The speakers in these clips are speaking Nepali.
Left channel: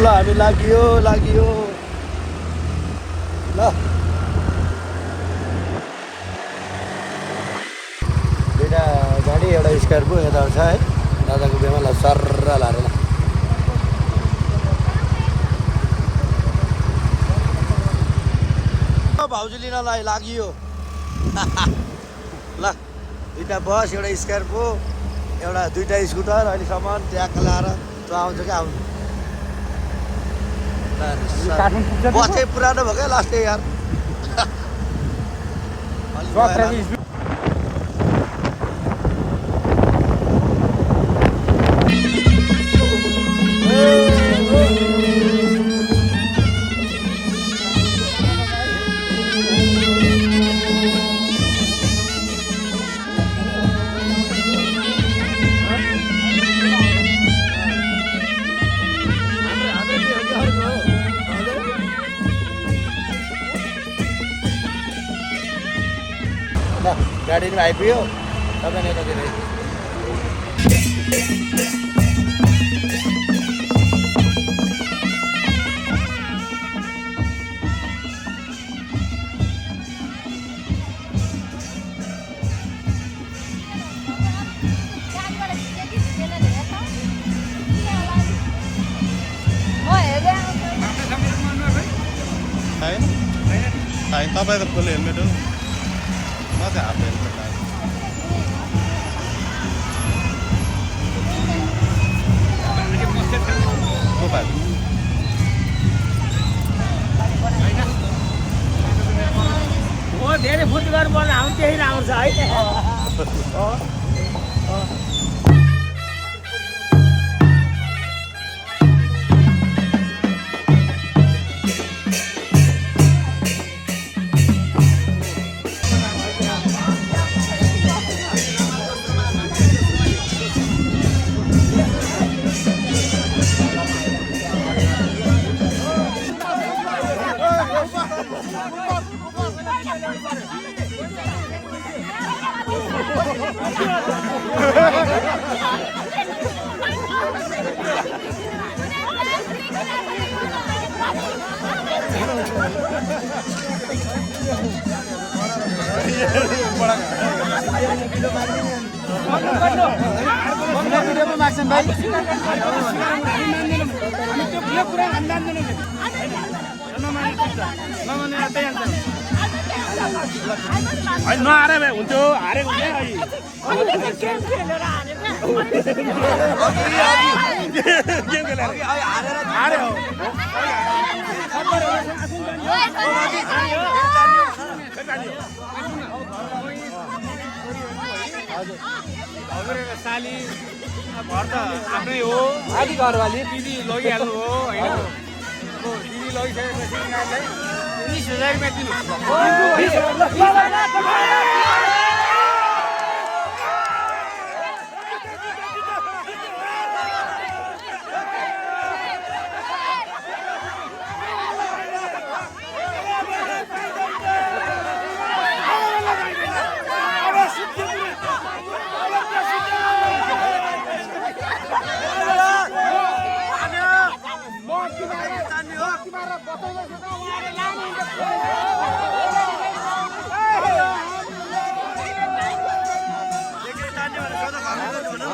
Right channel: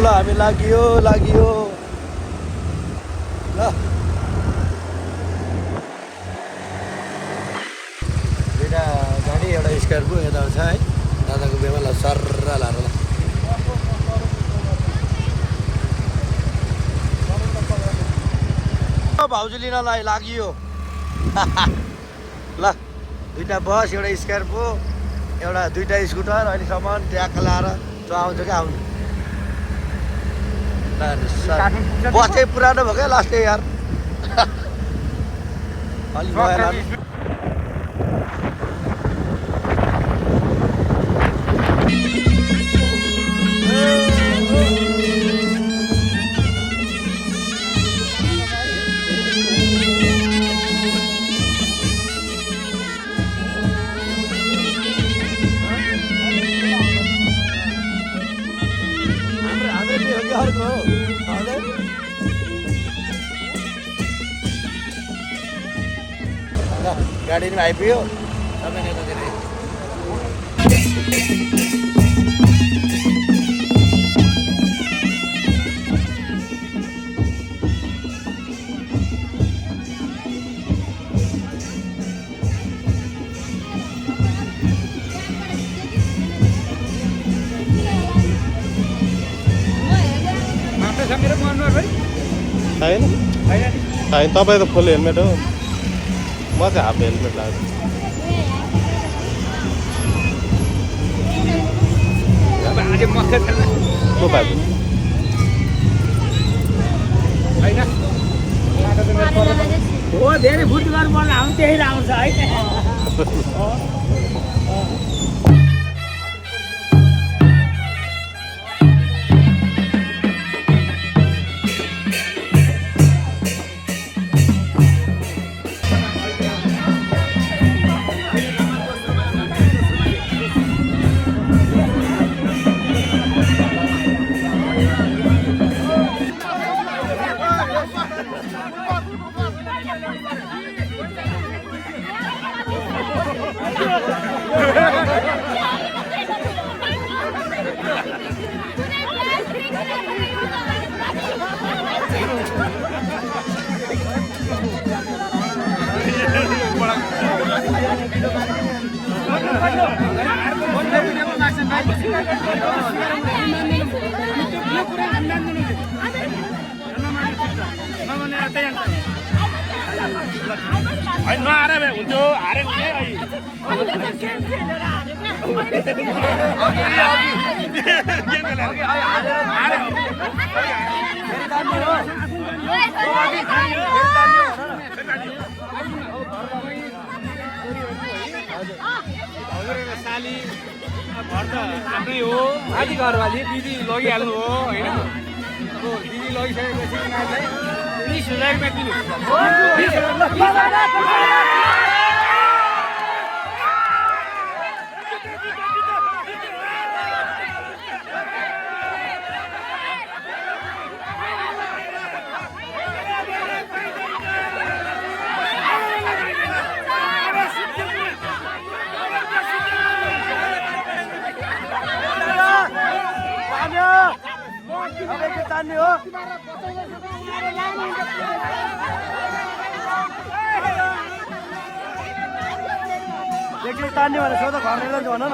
ल हामी लाग्यो ल दुईटा गाडी एउटा स्कर्पियो यता छ है दादाको बिहेमा ल सर्र लाएर ल भाउजू लिनलाई लाग्यो ल दुईटा बस एउटा स्कर्पियो एउटा दुईटा स्कुटर अहिलेसम्म ट्याक लाएर त्यो आउँछ क्या आउनु बस चाहिँ पुरानो भयो क्या लास्ट यार अलिक गाडी पनि आइपुग्यो तपाईँ यतातिर तपाईँ त फुल हेलमेट हो म चाहिँ हाफ हेलमेट लाग्यो हो धेरै फुट गर्नु पर्ने हामी त्यही राम्रो छ है साली घर त आफ्नै हो आदि घरवाली दिदी लगिहाल्नु हो होइन अब दिदी लगिसकेपछि यिनीहरूलाई 20,000 रुपियाँ दिनु तान्ने भनेर सोध घरमा भन न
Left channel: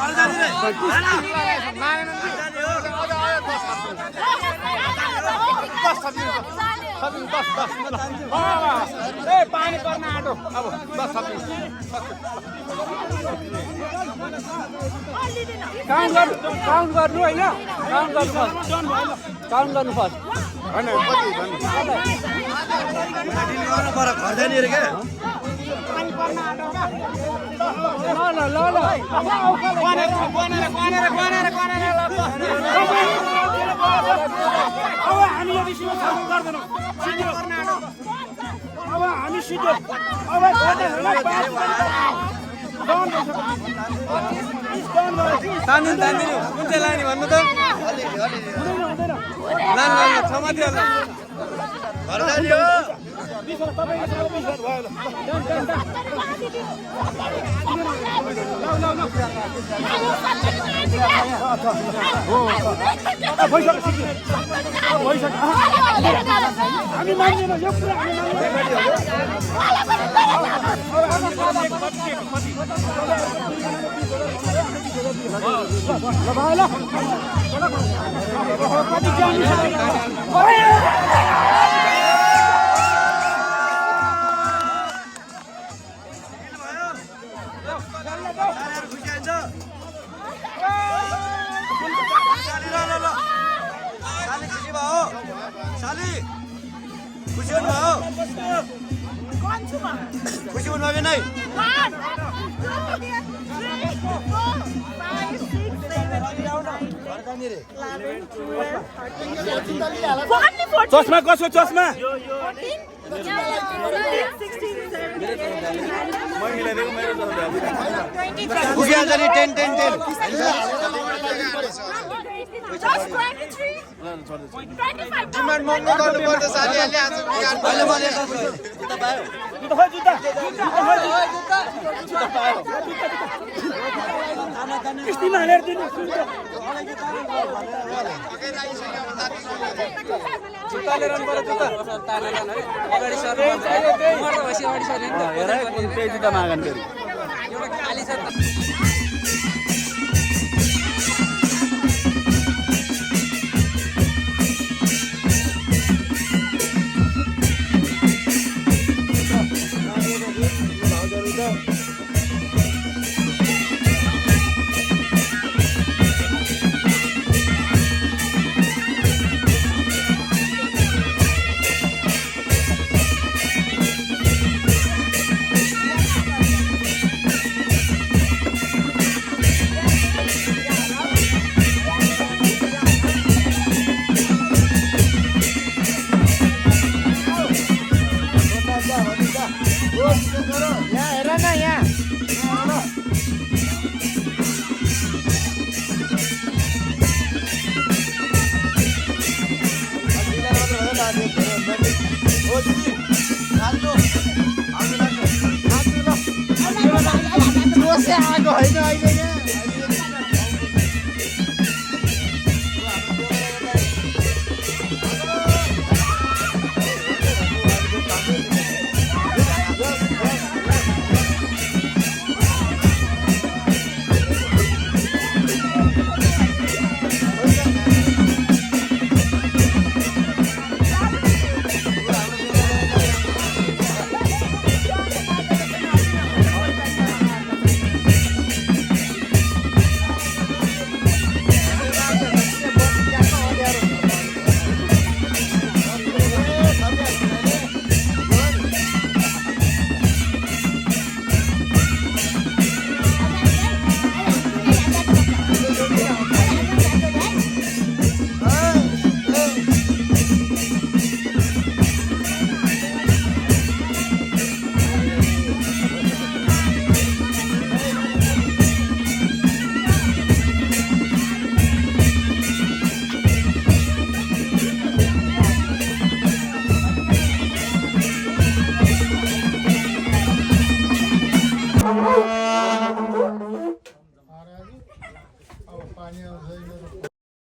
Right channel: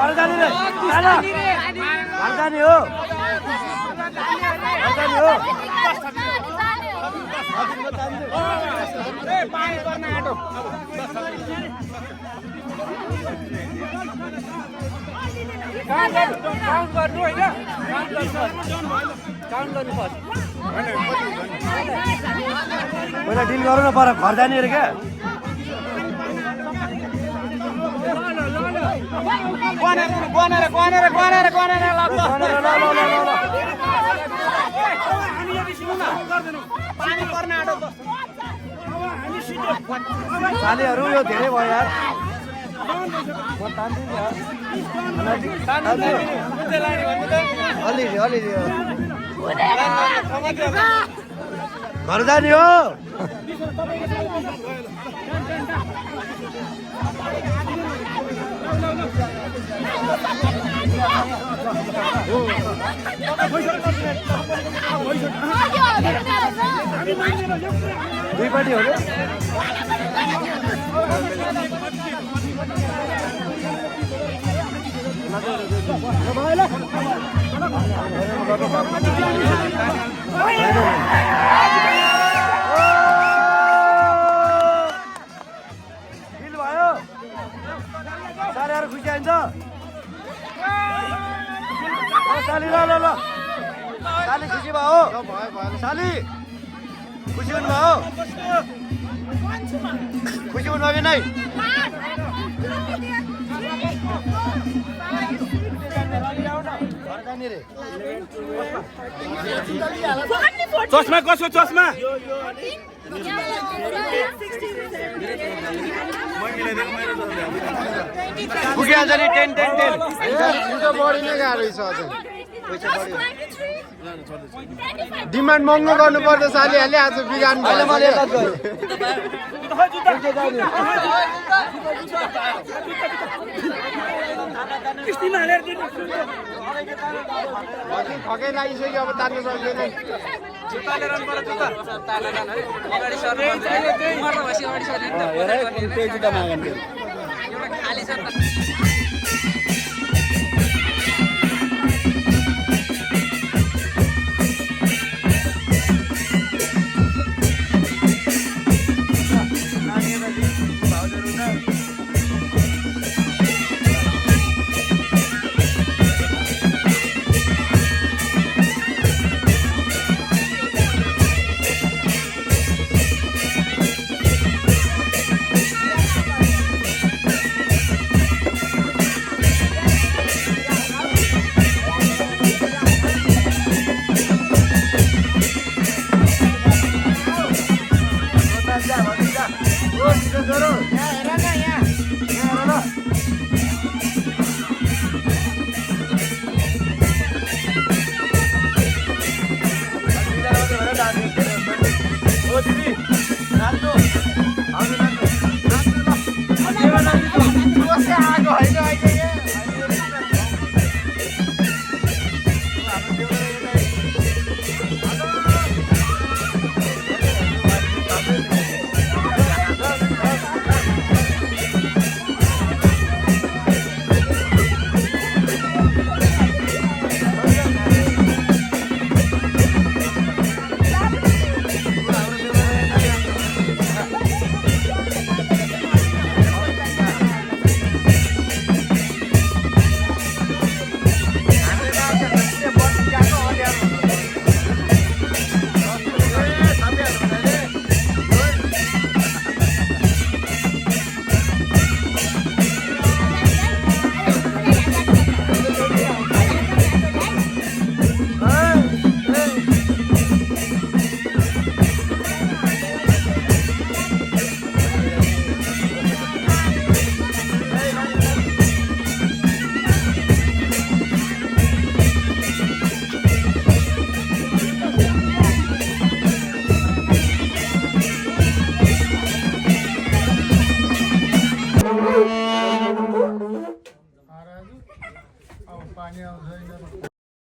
घर जाने रे घर जाने हो पानी पर्न आँटो काउन्ट गर्नु होइन काउन्ट गर्नु पर्छ पहिला डिल गरौँ न पर घर जाने अरे क्या घर जाने हो सालीहरू खुसी आइन्छ साली ल ल ल साली खुसी भयो साली खुसी हुनुभयो खुसी हुनुभयो कि नै चस्मा कसको चस्मा खुसी आउँछ नि 10 डिमान्ड महँगो गर्नु पर्दैछ अलिअलि आज बिरान अहिले मैले यता गएँ किस्तीमा हालेर दिनु ठकै लागिसक्यो अब तान्नु हेर कुन त्यही जुत्ता मागन फेरि